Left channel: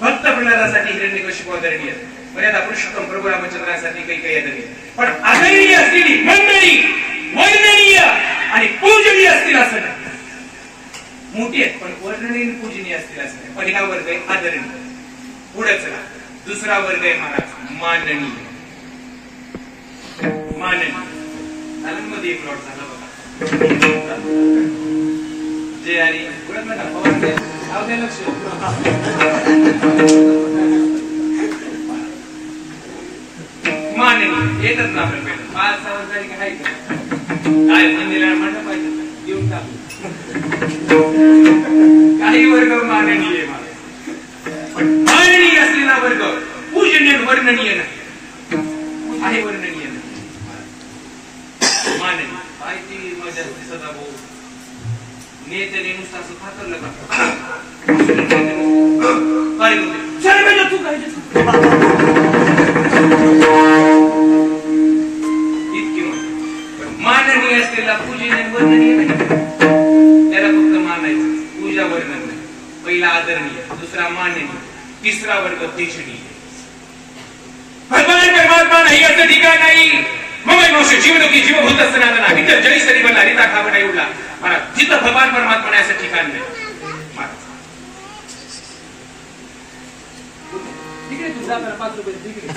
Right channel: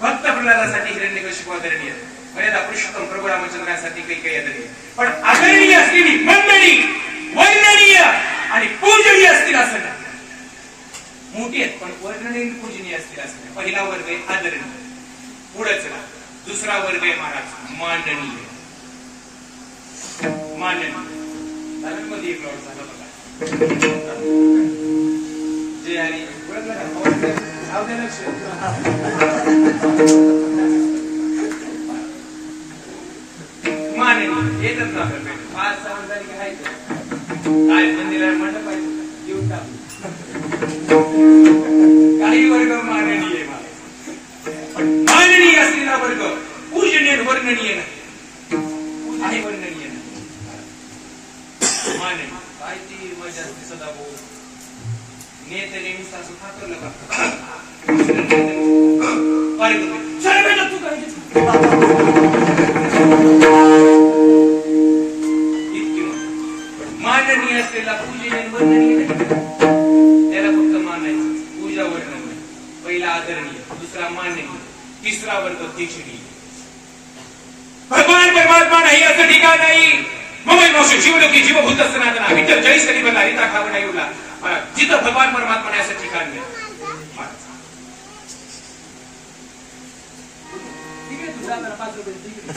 भक्त प्रल्हादासाठी हिरण्यकशिपू आदरणीय, मर्यादा पुरुषोत्तम प्रभू रामचंद्रांसाठी काही आदरणीय, पण आदरणीय असलेली मंडळी वर्णनीय आणि पूजनीय असतील असं नाही. मोठी आहेत पण वर्णनीय पूजनीय असतील असं नाही. पहिला वर्ग आहे आदरणीय, पुढे चला दुसरा वर्ग आहे महाराज माननीय. माननीय मध्ये एक लॉट झाला बघा जे आणि लक्ष माननीय येतच ना आपण पहिलं 5-6 वर्षांनी काय काय मंदिराला म्हणलं पाहिजे देऊन टाकू काही वर्ग माननीय पण माननीय असलेला वर्ग पूजनीय वर्णनीय नाही आहे, वर्णनीय नाही माननीय पाहिजे मजा सदा भाऊ नेत्याने नुसतं असं फाकरलं का काय तू काय इतकी माननीय असलेला पूजनीय वर्णनीय नाही, त्याला फक्त मानायचं. पूजा वर्णन नाही. पहिला आदरणीय, दुसरा माननीय, तिसरा वर्ग तेजनीय. भगवान परमात्मा नाही असं ठिकाण नाही. मग जीवलोकी जीवभूत सनातन विठ्ठल 40 कधी बनला रीता खावडा उडला महाराज. जिथं भगवान परमात्मा नाही असं ठिकाण नाही महाराज. ठीक आहे तुझा 5 रुपये ठीक आहे.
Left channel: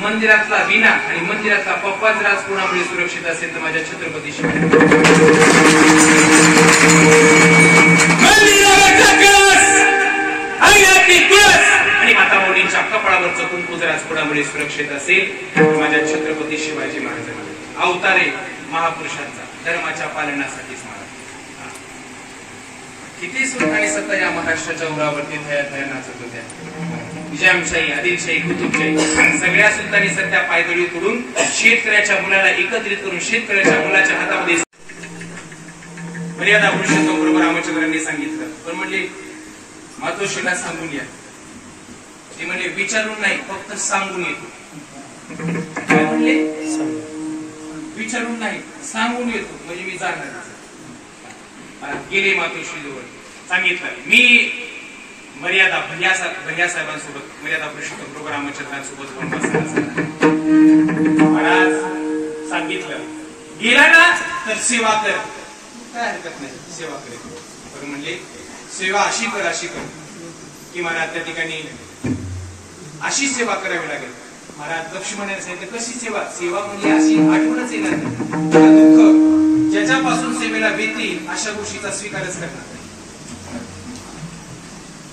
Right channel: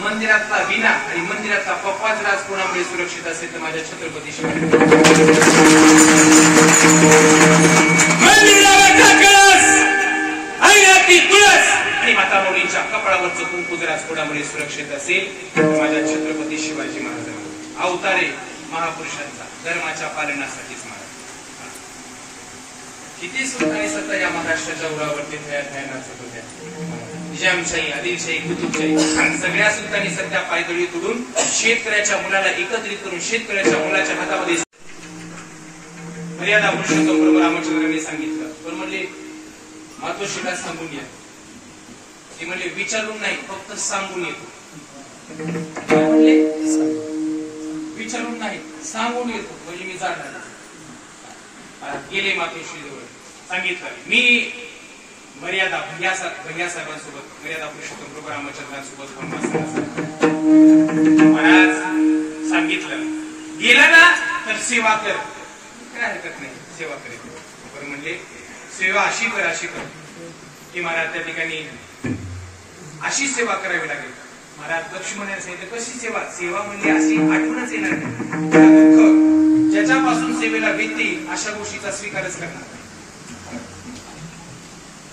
मंदिरातला विना आणि मंदिरातला पप्पाच राज कोणामुळे सुरक्षित असेल तर माझ्या छत्रपती शिवाजी आणि माता माऊलींच्या कपाळावरचं कुंकू राज कोणामुळे सुरक्षित असेल तर माझ्या छत्रपती शिवाजी महाराजांना. अवतारे महापुरुषांचा धर्माच्या पालनासाठीच महाराज. किती सुख आणि सत्ता या महाराष्ट्राच्या उरावरती थया नाचत होत्या. निजामशाही, आदिलशाही, कुतुबशाही सगळ्या सुलतानी सध्या पायदळी करून शेतकऱ्याच्या मुलाला एकत्रित करून शेतकऱ्याच्या मुलाच्या हातामध्ये मर्यादा पुरुषोत्तम प्रभू रामचंद्रांनी सांगितलं. पण म्हणले मातोश्रीला सांगून या. ते म्हणले विचारून नाही फक्त सांगून येतो. म्हणले विचारून नाही सांगून येतो म्हणजे मी जाणार. गेले मातोश्री जवळ सांगितलं मी मर्यादा भैया साहेबांसोबत मर्यादा पुरुषोत्तम प्रभू रामचंद्रांसोबत महाराज सांगितलं गेला ना तर सेवा कर. काय हरकत नाही सेवा करेल. पण म्हणले सेवा अशी कर की महाराज त्या ठिकाणी अशी सेवा करावी लागेल. महाराज लक्ष्मणाने सांगितलं कशी सेवा. सेवा म्हणजे अशी आठवणच येणार नाही. दुःख ज्याच्यापासून सेवेला भीती अशा गोष्टीचा स्वीकारच करणार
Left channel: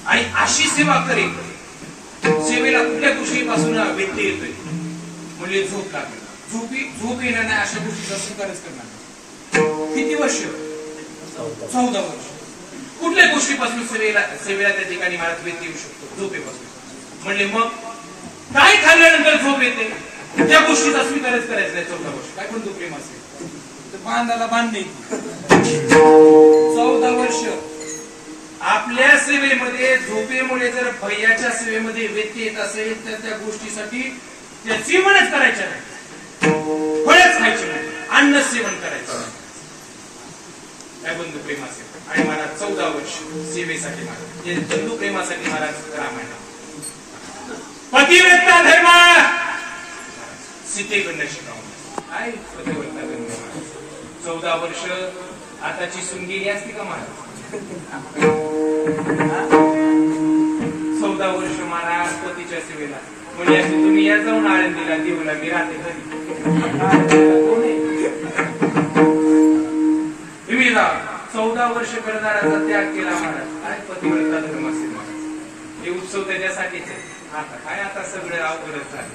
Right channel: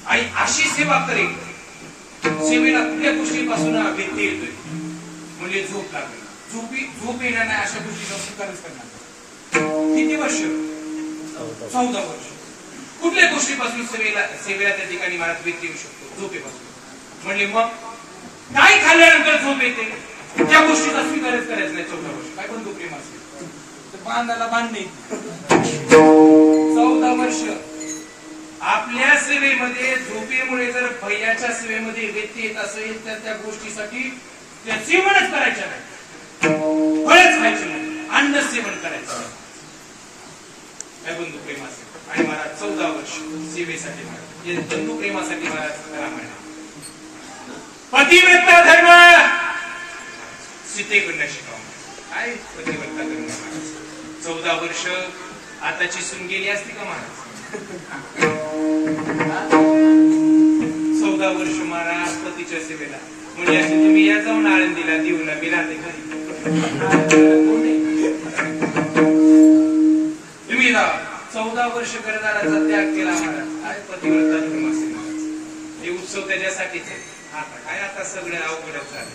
आणि अशी सेवा करेल सेवेला कुठल्या गोष्टीपासून व्यक्ती येतोय म्हणजे झोप लागली झोप येणार नाही अशा गोष्टीचा स्वीकारच करणार. किती वर्ष 14 वर्ष. कुठल्या गोष्टीपासून सेवेला त्या ठिकाणी महाराज व्यक्ती येऊ शकतो झोपेपासून. म्हणजे मग काय खाल्ल्यानंतर झोप येते त्या गोष्टीचा स्वीकारच करायचा नाही 14 वर्ष. काय पण प्रेम असेल तर बांधाला बांधणे 14 वर्ष आपल्या सेवेमध्ये झोपेमुळे जर भैयाच्या सेवेमध्ये व्यत्यय येत असेल तर त्या गोष्टीसाठी त्या सेवनच करायच्या नाही, फळच खायचे नाही, अन्न सेवन करायचं नाही. काय बंधू प्रेमासाठी. आणि महाराज 14 वर्ष सेवेसाठी महाराज हे बंधू प्रेमासाठी महाराज रामायण. पतिव्रता धर्म सीतेकडनं शिकावं. काय पतिव्रता धर्म. 14 वर्ष आताची सून गेली असती का महाराज. 14 वर्ष महाराज पतीच्या सेवेला म्हणजे असे तुम्ही या जाऊन आळंदीला देऊला मी राहते घरी. तुम्ही 14 वर्ष करणाराचा त्याग केला महाराज. काय पतिव्रता धर्म असेल महाराज. हे उत्सव त्याच्यासाठीच आहे. आता काय आता सगळं अवघडच झालं.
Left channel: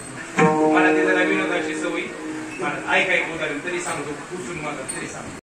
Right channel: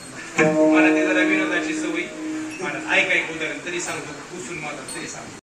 मला ते जरा विनोदाची सवय महाराज. ऐक उदाहरण तरी सांगतो, पुसून मला तरी सांगतो.